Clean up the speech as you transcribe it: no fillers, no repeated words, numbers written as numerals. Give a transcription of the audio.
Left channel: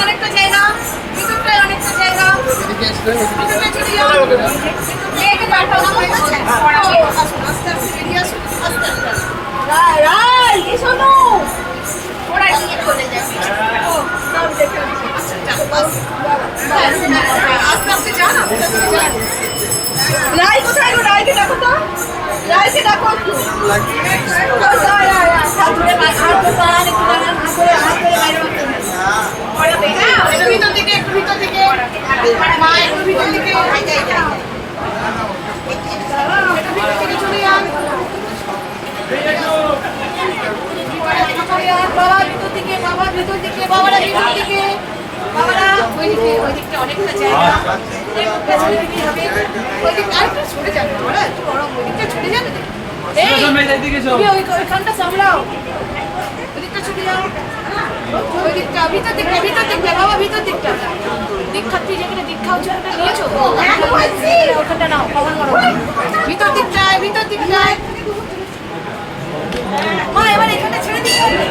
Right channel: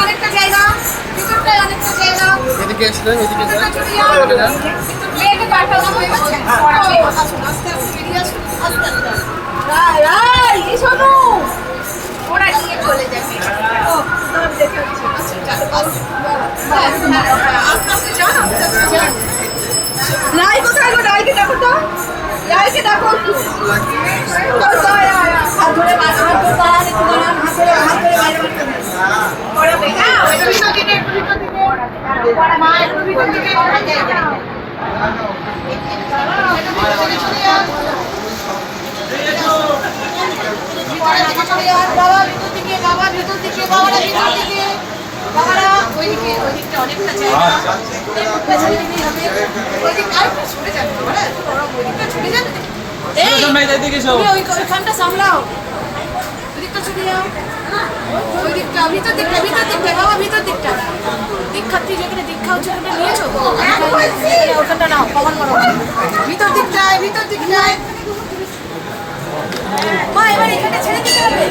অনেকটা জায়গা ভিতরটায় অনেকটা জায়গা ওরা নিয়ে চলে যাবে আস্তে আস্তে যান আস্তে আস্তে যান রাই কোথায় গো রাইকে ডাকো তো রাইকে ডাকো বাবারা ওইদিকে ওইদিকটা অনেকটা জায়গা ওইদিকটা আরেকটু ছুটে যাবে বাবারা একটু বড় ওইদিকটা ছুটে যাবে তুমি ওইখানটা সামলাও ওইদিকটা ছুটে যাও ওইদিকটা ভিতর দিকটা বাবা ভিতর দিকটা দীক্ষার্থী যেখানে দীক্ষা হচ্ছে ওটা নিয়েছো ওখানটা নাও কমন করো ভিতর দিকটায় মা এবার এখানে ছেড়ে দিতে হবে